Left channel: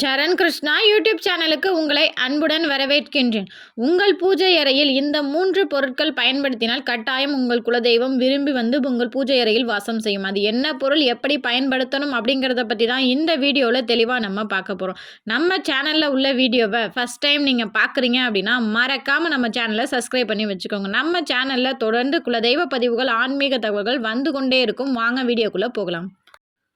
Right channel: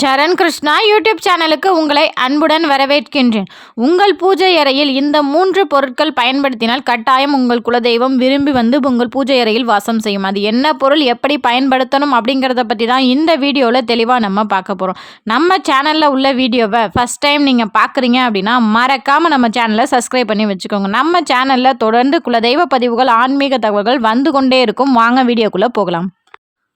சரண் Krishna YouTube சேனலுக்கு உங்களை அன்புடன் வரவேற்கின்றேன். உங்கள் பூஜை அறையில் இந்த மூன்று பொருட்கள் பயன்படுத்தினால் கட்டாயம் உங்கள் குலதெய்வம் விரும்பி வந்து உங்கள் பூஜை அறையில் வாசம் செய்யும். அது என்ன பொருள் எப்படி பயன்படுத்தணும் அப்படிங்கிறத பற்றி தான் இந்த வீடியோவில் தெளிவாக நம்ம பார்க்க போகிறோம் நம்ம சேனலில் உள்ள வீடியோவை ஃபஸ்ட் டைம் நீங்கள் பார்க்குறீங்க அப்படின்னா மறக்காமல் நம்ம சேனலை சப்ஸ்கிரைப் பண்ணி வச்சுக்கோங்க. நம்ம சேனலில் தொடர்ந்து குலதெய்வ பதிவுகள் ஆன்மீக தகவல்கள் வந்து கொண்டே இருக்கும். வாங்க வீடியோக்குள்ளே போகலாம்.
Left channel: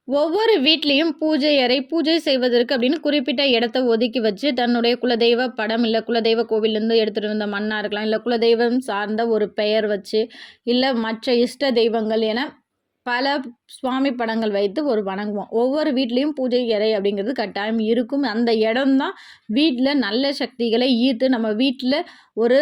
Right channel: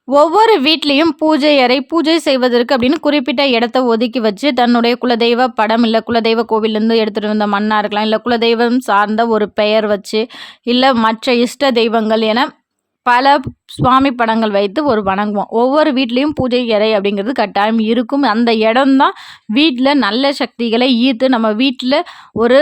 ஒவ்வொரு வீட்லேயும் பூஜை அறை பூஜை செய்வதற்கு அப்படின்னு குறிப்பிட்ட இடத்த ஒதுக்கி வச்சு தன்னுடைய குலதெய்வ படம் இல்லை குலதெய்வ கோவிலேருந்து எடுத்துகிட்டு வந்த மண்ணாக இருக்கலாம் இல்லை குலதெய்வம் சார்ந்த ஒரு பெயர் வச்சு இல்லை மற்ற இஷ்ட தெய்வங்கள் என பல சுவாமி படங்கள் வைத்து ஒரு வணங்குவோம். ஒவ்வொரு வீட்லேயும் பூஜை அறை அப்படிங்கிறது கட்டாயம் இருக்கும். அந்த இடம்தான் வீட்டில் நல்ல சக்திகளை ஈர்த்து நம்ம வீட்டில் ஒரு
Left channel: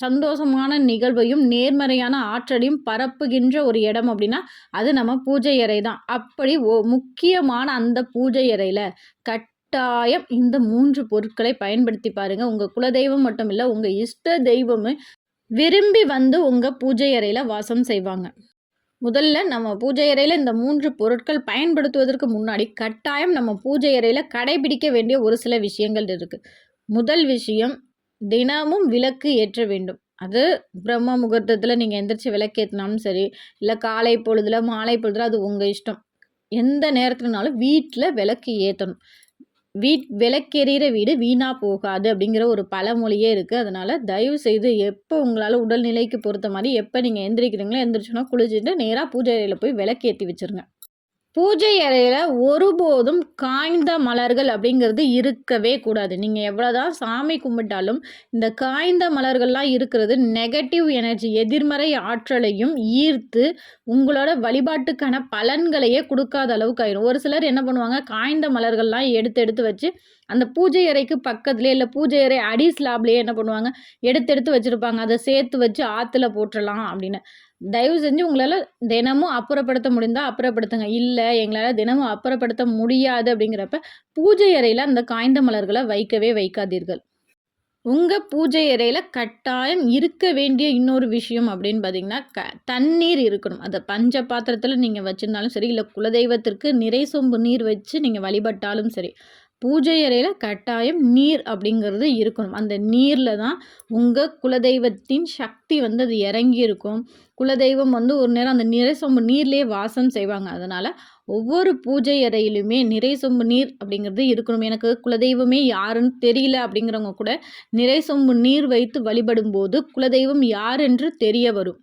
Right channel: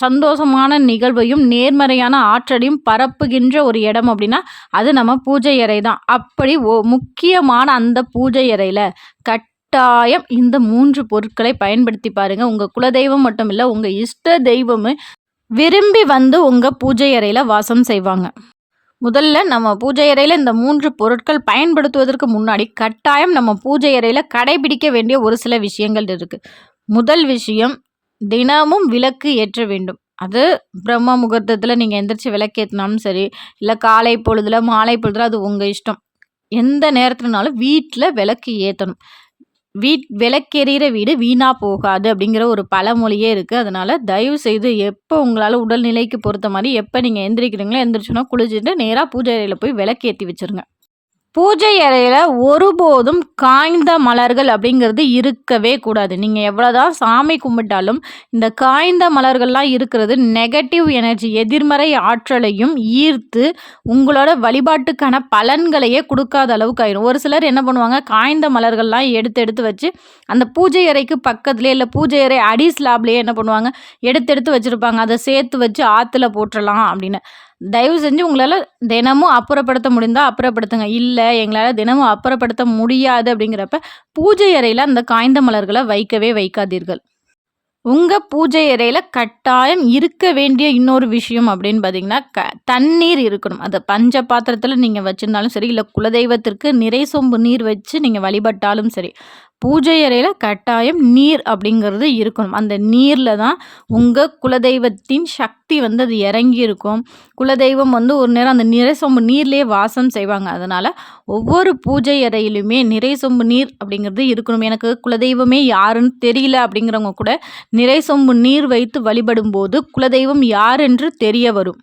சந்தோஷமான நிகழ்வையும் நேர்மறையான ஆற்றலையும் பரப்புகின்ற ஒரு இடம் அப்படின்னா அது நம்ம பூஜை அறை தான். அப்படி ஓ முக்கியமான அந்த பூஜை அறையில் கட்டாயம் இந்த மூன்று பொருட்களை பயன்படுத்தி பாருங்கள் உங்கள் குலதெய்வம் மட்டும் இல்லை உங்கள் இஷ்ட தெய்வமும் விரும்பி வந்து உங்கள் பூஜை அறையில் வாசம் செய்வாங்க. முதல்ல நம்ம பூஜை அறையில் இந்த மூன்று பொருட்கள் பயன்படுத்துவதற்கு முன்னாடி கட்டாயம் நம்ம பூஜை அறையில் கடைபிடிக்க வேண்டிய ஒரு சில விஷயங்கள் இருக்குது முதல் விஷயம் தினமும் விளக்கு ஏற்ற வேண்டும். அது பிரம்ம முகூர்த்தத்தில் நீங்கள் எந்திரிச்சு விளக்கேற்றினாலும் சரி இல்லை காலை பொழுதுல மாலை பொழுதுல அது உங்கள் இஷ்டம். எந்த நேரத்துலனாலும் வீட்டில் விளக்கு ஏற்றணும் வீட் விளக்கெறிகிற வீடு வீணாக போகாது அப்படிங்கிற ஒரு பழமொழியே இருக்குது அதனால் தயவு செய்து எப்போ உங்களால் உடல்நிலைக்கு பொறுத்த மாதிரி எப்போ நீங்கள் எந்திரிக்கிறீங்களோ எந்திரிச்சோன்னா குளிச்சுட்டு நேராக பூஜை அறையில் போய் விளக்கேற்றி வச்சுருங்க. பூஜை அறையில் ஒருபோதும் காய்ந்த மலர்கள் அப்படிங்கிறது இருக்கவே கூடாது. நீங்கள் எவ்வளோதான் சாமி கும்பிட்டாலும் இந்த காய்ந்த மலர்கள்லாம் இருக்கிறது நெகட்டிவ் எனர்ஜி எதிர்மறை ஆற்றலையும் ஈர்த்து உங்களோட வழிபாட்டுக்கான பலன்களையே கொடுக்காத அளவுக்கு ஆயிடும் ஒரு சிலர் என்ன பண்ணுவாங்க? காய்ந்த மலர்கள்லாம் எடுத்து எடுத்து வச்சு அந்த பூஜை அறைக்கு பக்கத்துலேயே இல்லை பூஜை அறை அடி ஸ்லாப்லேயே என்ன பண்ணுவாங்க? எடுத்து எடுத்து வச்சுருப்பாங்க. அதை சேர்த்து வச்சு ஆற்றுல போட்டுடலாம் அப்படின்னு. தயவு செஞ்சு உங்களால் தினமும் அப்புறப்படுத்த முடிந்தால் அப்புறப்படுத்துங்க. இல்லை எங்களால் தினமும் அப்புறப்படுத்த முடியாது அப்படிங்கிறப்ப பூஜை அறையில் அந்த காய்ந்த மலர்களை வைக்கவே வைக்காதீர்கள். உங்கள் பூஜை அறையில் கட்டாயம் இருக்க வேண்டிய இன்னொரு விஷயம் அப்படின்னு பார்த்தீங்கன்னா க தண்ணீர் இருக்கணும். அதை பஞ்ச பாத்திரத்தில் நீங்கள் வச்சுருந்தாலும் சரி இல்லை குலதெய்வத்திற்கு நிறை சொம்பு நீர் வச்சு நீங்கள் வழிபட்டாலும் சரி பூஜை அறையில் கட்டாயம் நீர் அப்படிங்கிறது இருக்கணும். அந்த நீரில் தான் உங்கள் குலதெய்வத்தின் சக்தி வந்து அது இறங்கி இருக்கும். குலதெய்வம் வந்து ஒரு நேரம் அந்த நிறை சொம்பு நீர்லேயே வாசம் செய்வாங்க. அதனால் ஒவ்வொரு பூஜை அறையிலுமே நிறை சொம்பு நீர் அப்படிங்கிறது இருக்கணும். எனக்கு குலதெய்வமே யாருன்னு தெரியல அப்படிங்கிறவங்க கூட நிறை சொம்பு நீர் வைத்து வழிபடும் போது குலதெய்வம் யார் என்று தெரிய வரும்.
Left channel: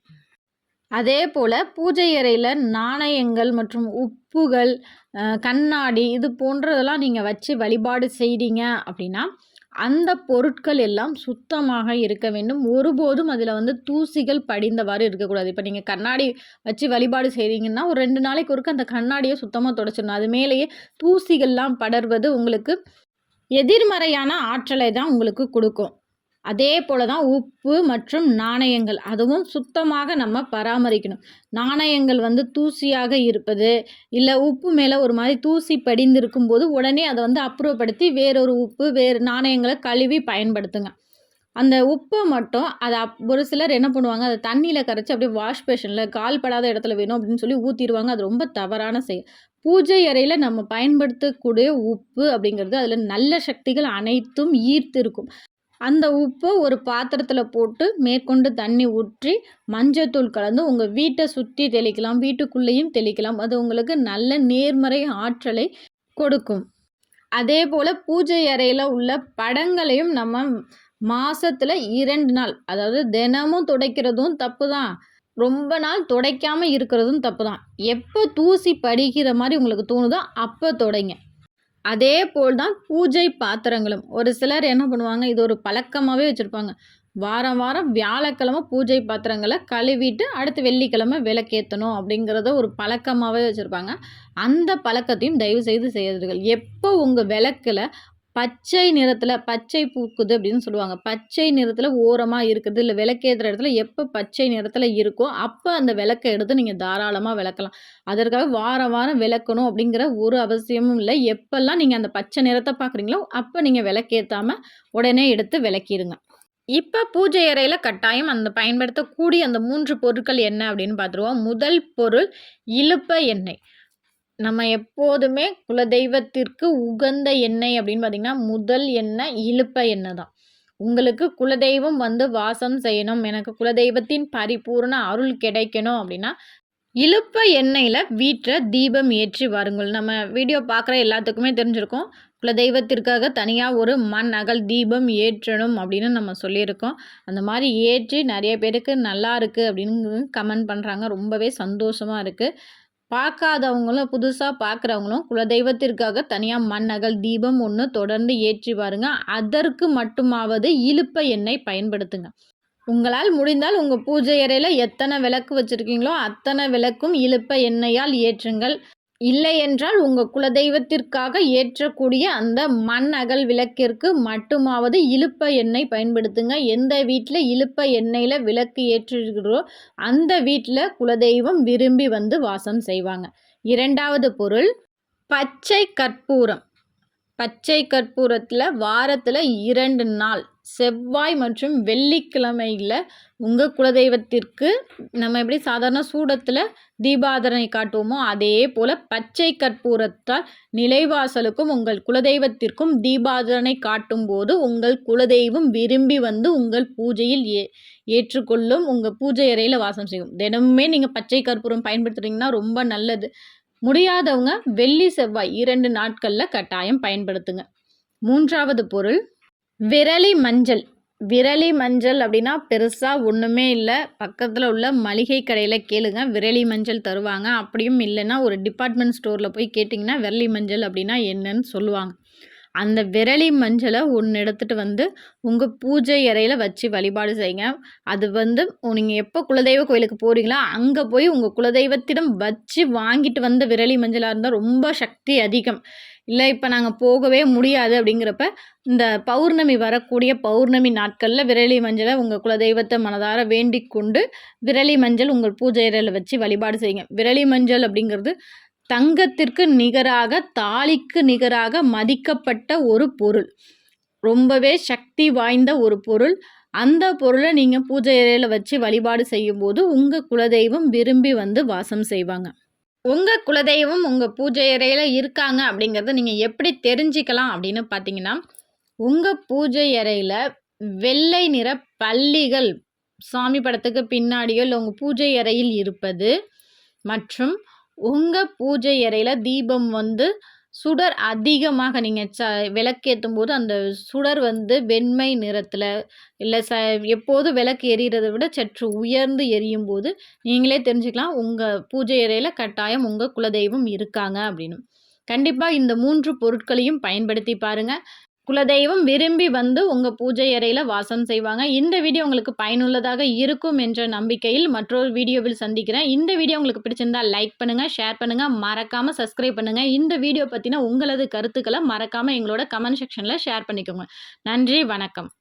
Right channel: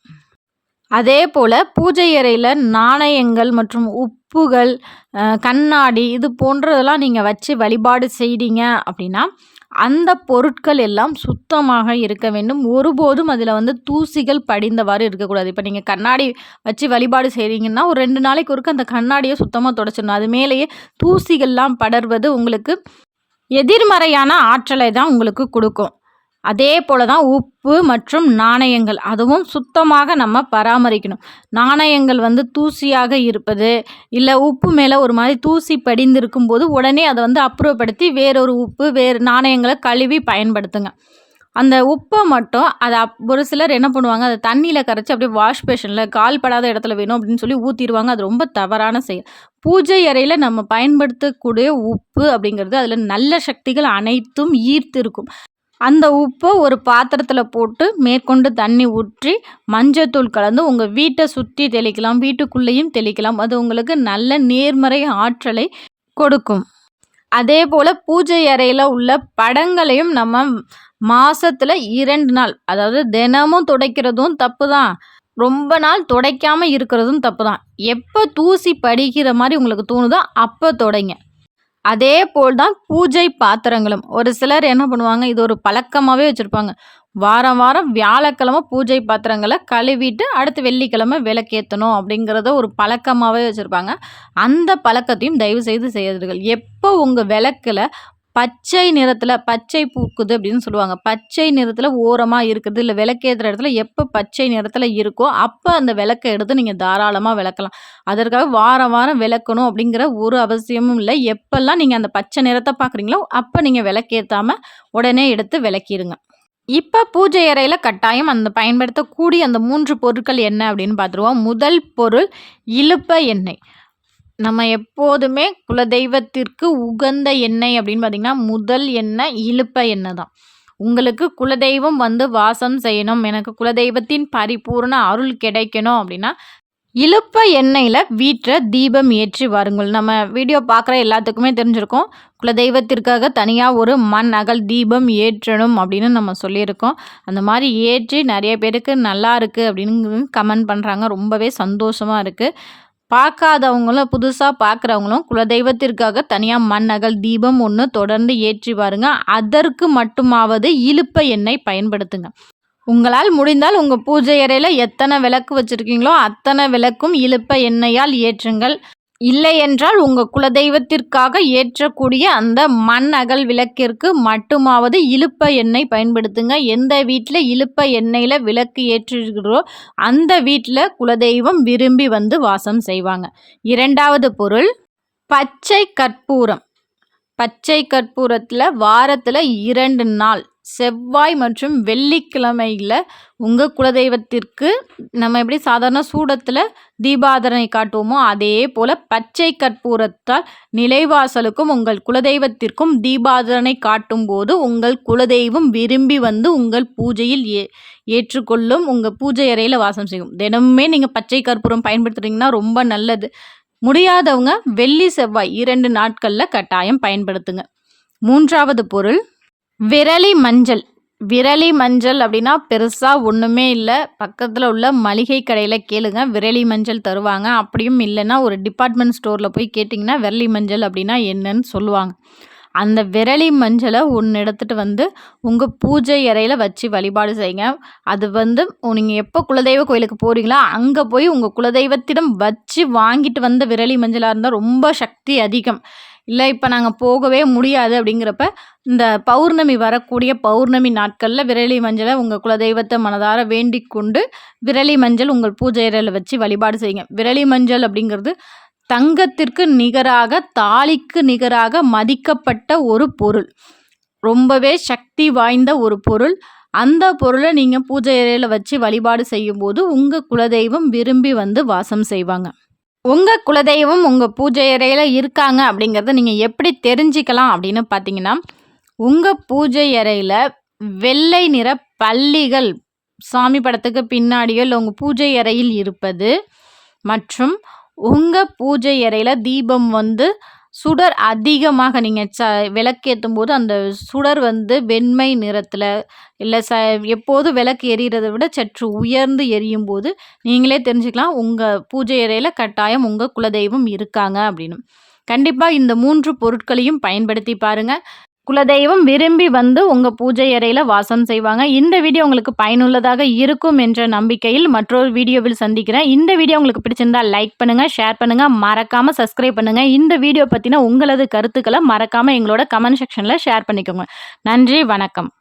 அதே போல் பூஜை அறையில் நாணயங்கள் மற்றும் உப்புகள் கண்ணாடி இது போன்றதெல்லாம் நீங்கள் வச்சு வழிபாடு செய்கிறீங்க அப்படின்னா அந்த பொருட்கள் எல்லாம் சுத்தமாக இருக்க வேண்டும். ஒருபோதும் அதில் வந்து தூசிகள் படிந்தவாறு இருக்கக்கூடாது. இப்போ நீங்கள் கண்ணாடி வச்சு வழிபாடு செய்கிறீங்கன்னா ஒரு ரெண்டு நாளைக்கு ஒருக்க அந்த கண்ணாடியை சுத்தமாக தொடச்சிடணும். அது மேலேயே தூசிகள்லாம் படர்வது உங்களுக்கு எதிர்மறையான ஆற்றலை தான் உங்களுக்கு கொடுக்கும். அதே போல் தான் உப்பு மற்றும் நாணயங்கள். அதுவும் சுத்தமாக நம்ம பராமரிக்கணும். நாணயங்கள் வந்து தூசியாக இருப்பது இல்லை உப்பு மேலே ஒரு மாதிரி தூசி படிந்திருக்கும் போது உடனே அதை வந்து அப்புறப்படுத்தி வேறொரு உப்பு வேறு நாணயங்களை கழுவி பயன்படுத்துங்க. அந்த உப்பை மட்டும் அதை அப் ஒரு சிலர் என்ன பண்ணுவாங்க அதை தண்ணியில் கரைச்சி அப்படியே வாஷ் பேஷனில் கால் படாத இடத்துல வேணும் அப்படின்னு சொல்லி ஊற்றிடுவாங்க அது ரொம்ப தவறான செயல். பூஜை அறையில் நம்ம பயன்படுத்தக்கூடிய உப்பு அப்படிங்கிறது அதில் நல்ல சக்திகள் அனைத்தும் ஈர்த்து இருக்கும் அந்த உப்பை ஒரு பாத்திரத்தில் போட்டு மேற்கொண்டு தண்ணி ஊற்றி மஞ்சத்தூள் கலந்து உங்கள் வீட்டை சுற்றி தெளிக்கலாம் வீட்டுக்குள்ளேயும் தெளிக்கலாம். அது உங்களுக்கு நல்ல நேர்மறை ஆற்றலை கொடுக்கும். அதே போல் பூஜை அறையில் உள்ள படங்களையும் நம்ம மாதத்தில் இரண்டு நாள் அதாவது தினமும் துடைக்கிறதும் தப்பு தான் ரொம்ப நாள் துடைக்காமல் இருக்கிறதும் தப்பு தான் எப்போ தூசி படிக்கிற மாதிரி உங்களுக்கு தோணுதோ அப்போ துடைங்க. அதே போல் தான் பூஜை பாத்திரங்களும். ஒரு சிலர் என்ன பண்ணுவாங்க இது ஒரு பழக்கமாகவே வச்சுருப்பாங்க. வாரம் வாரம் வியாழக்கிழமை பூஜை பாத்திரங்களை கழுவிட்டு அடுத்து வெள்ளிக்கிழமை விளக்கேற்றணும் அப்படிங்கிறத ஒரு பழக்கமாகவே வச்சுருப்பாங்க. அந்த பழக்கத்தையும் தயவு செய்து செய்யறதுகள் எப்போ உங்கள் விளக்கில் பச்சை நிறத்தில் பச்சை பூக்குது அப்படின்னு சொல்லுவாங்க. பச்சை நிறத்தில் ஓரமாக இருக்குது. இல்லை விளக்கேற்றுற இடத்துல எப்போ பச்சை நிறத்தில் இருக்கோ அப்போ அந்த விளக்கை எடுத்து நீங்கள் தாராளமாக விளக்கலாம். அதற்காக வாரம் வாரம் விளக்கணும் அப்படிங்கிற ஒரு அவசியமும் இல்லை. எப்போல்லாம் நீங்கள் அந்த பச்சை நிறத்தை பார்க்குறீங்களோ அப்போ நீங்கள் விளக்கேற்றாமல் உடனே எடுத்து விளக்கிடுங்க. இப்போ பூஜை அறையில் கட்டாயம் அந்த பயன்படுத்தக்கூடிய அந்த மூன்று பொருட்கள் என்ன அப்படின்னு பார்த்துருவோம் முதல் பொருள் இழுப்ப எண்ணெய். நம்ம எப்போதுமே குலதெய்வத்திற்கு உகந்த எண்ணெய் அப்படின்னு பார்த்திங்கன்னா முதல் எண்ணெய் இலுப்ப எண்ணெய் தான். உங்களுக்கு குலதெய்வம் வந்து வாசம் செய்யணும், எனக்கு குலதெய்வத்தின் பரிபூர்ண அருள் கிடைக்கணும் அப்படின்னா, இழுப்ப எண்ணெயில் வீட்டில் தீபம் ஏற்றி வாருங்கள். நம்ம வீடியோ பார்க்குற எல்லாத்துக்குமே தெரிஞ்சிருக்கோம் குலதெய்வத்திற்காக தனியாக ஒரு மண் அகல் தீபம் ஏற்றணும் அப்படின்னு நம்ம சொல்லியிருக்கோம். அந்த மாதிரி ஏற்றி நிறைய பேருக்கு நல்லா இருக்குது அப்படின்னு கமெண்ட் பண்ணுறாங்க ரொம்பவே சந்தோஷமாக இருக்குது பார்க்காதவங்களும், புதுசாக பார்க்குறவங்களும் குலதெய்வத்திற்காக தனியாக மண்ணகல் தீபம் ஒன்று தொடர்ந்து ஏற்றி வாருங்க. அதற்கு மட்டுமாவது இழுப்ப எண்ணெய் பயன்படுத்துங்க. உங்களால் முடிந்தால் உங்கள் பூஜை அறையில் எத்தனை விளக்கு வச்சுருக்கீங்களோ அத்தனை விளக்கும் இழுப்ப எண்ணெயால் ஏற்றுங்கள். இல்லையென்றால் உங்கள் குலதெய்வத்திற்காக ஏற்றக்கூடிய அந்த மண் அகல் விளக்கிற்கு மட்டுமாவது இழுப்ப எண்ணெய் பயன்படுத்துங்க. எந்த வீட்டில் இழுப்ப எண்ணெயில் விளக்கு ஏற்றுகிறோ, அந்த வீட்டில் குலதெய்வம் விரும்பி வந்து வாசம் செய்வாங்க. இரண்டாவது பொருள் பச்சை கற்பூரம். பச்சை கற்பூரத்தில் வாரத்தில் இரண்டு நாள் செவ்வாய் மற்றும் வெள்ளிக்கிழமையில் உங்கள் குலதெய்வத்திற்கு நம்ம எப்படி சாதாரண சூடத்தில் தீபாதரனை காட்டுவோமோ, அதே போல பச்சை கற்பூரத்தால் நிலைவாசலுக்கும், உங்கள் குலதெய்வத்திற்கும் தீபாராதனை காட்டும்போது, உங்கள் குலதெய்வம் விரும்பி வந்து உங்கள் பூஜையில் ஏ ஏற்றுக்கொள்ளும். உங்கள் பூஜை அறையில் வாசம் செய்யும். தினமுமே நீங்கள் பச்சை கற்பூரம் பயன்படுத்துறீங்கன்னா ரொம்ப நல்லது. முடியாதவங்க வெள்ளி, செவ்வாய் இரண்டு நாட்களில் கட்டாயம் பயன்படுத்துங்க. மூன்றாவது பொருள் விரலி மஞ்சள். விரலி மஞ்சள் அப்படின்னா பெருசாக ஒன்றுமே இல்லை பக்கத்தில் உள்ள மளிகை கடையில் கேளுங்க. விரலி மஞ்சள் தருவாங்க. அப்படியும் இல்லைன்னா ஒரு டிபார்ட்மெண்ட் ஸ்டோரில் போய் கேட்டிங்கன்னா விரலி மஞ்சள் அப்படின்னா என்னன்னு சொல்லுவாங்க. அந்த விரலி மஞ்சளை ஒன்று எடுத்துகிட்டு வந்து உங்கள் பூஜை அறையில் வச்சு வழிபாடு செய்யுங்க. அது வந்து நீங்கள் எப்போ குலதெய்வ கோயிலுக்கு போகிறீங்களோ அங்கே போய் உங்கள் குலதெய்வத்திடம் வச்சு வாங்கிட்டு வந்த விரலி மஞ்சளாக இருந்தால் ரொம்ப சக்தி அதிகம். இல்லை இப்போ நாங்கள் போகவே முடியாது அப்படிங்கிறப்ப, இந்த பௌர்ணமி வரக்கூடிய பௌர்ணமி நாட்களில் விரலி மஞ்சளை உங்கள் குலதெய்வத்தை மனதார வேண்டிக் கொண்டு, விரலி மஞ்சள் உங்கள் பூஜை அறையில வச்சு வழிபாடு செய்யுங்க. விரலி மஞ்சள் அப்படிங்கிறது தங்கத்திற்கு நிகராக, தாலிக்கு நிகராக மதிக்கப்பட்ட ஒரு பொருள். ரொம்பவே சக்தி வாய்ந்த ஒரு பொருள். அந்த பொருளை நீங்கள் பூஜை அறையில் வச்சு வழிபாடு செய்யும்போது, உங்கள் குலதெய்வம் விரும்பி வந்து வாசம் செய்வாங்க. உங்கள் குலதெய்வம் உங்கள் பூஜை அறையில் இருக்காங்க அப்படிங்கிறத நீங்கள் எப்படி தெரிஞ்சுக்கலாம் அப்படின்னு பார்த்தீங்கன்னா, உங்கள் பூஜை அறையில் வெள்ளை நிற பள்ளிகள் சாமி படத்துக்கு பின்னாடியோ, உங்கள் பூஜை அறையில் இருப்பது மற்றும் உங்கள் பூஜை அறையில் தீபம் வந்து சுடர் அதிகமாக நீங்கள் ச விளக்கேத்தும்போது அந்த சுடர் வந்து வெண்மை நிறத்தில் இல்லை ச எப்போதும் விளக்கு எரியறத விட சற்று உயர்ந்து எரியும்போது, நீங்களே தெரிஞ்சுக்கலாம் உங்கள் பூஜை அறையில் கட்டாயம் உங்கள் குலதெய்வம் இருக்காங்க அப்படின்னு. கண்டிப்பாக இந்த மூன்று பொருட்களையும் பயன்படுத்தி பாருங்கள் குலதெய்வம் விரும்பி வந்து உங்கள் பூஜை அறையில் வாசம் செய்வாங்க. இந்த வீடியோ உங்களுக்கு பயனுள்ளதாக இருக்கும் என்ற நம்பிக்கையில் மற்றொரு வீடியோவில் சந்திக்கிறேன். இந்த வீடியோ உங்களுக்கு பிடிச்சிருந்தா லைக் பண்ணுங்கள் ஷேர் பண்ணுங்கள் மறக்காமல் சப்ஸ்கிரைப் பண்ணுங்கள் இந்த வீடியோ பற்றின உங்களது கருத்துக்களை மறக்காமல் எங்களோட கமெண்ட் செக்ஷனில் ஷேர் பண்ணிக்கோங்க. நன்றி, வணக்கம்.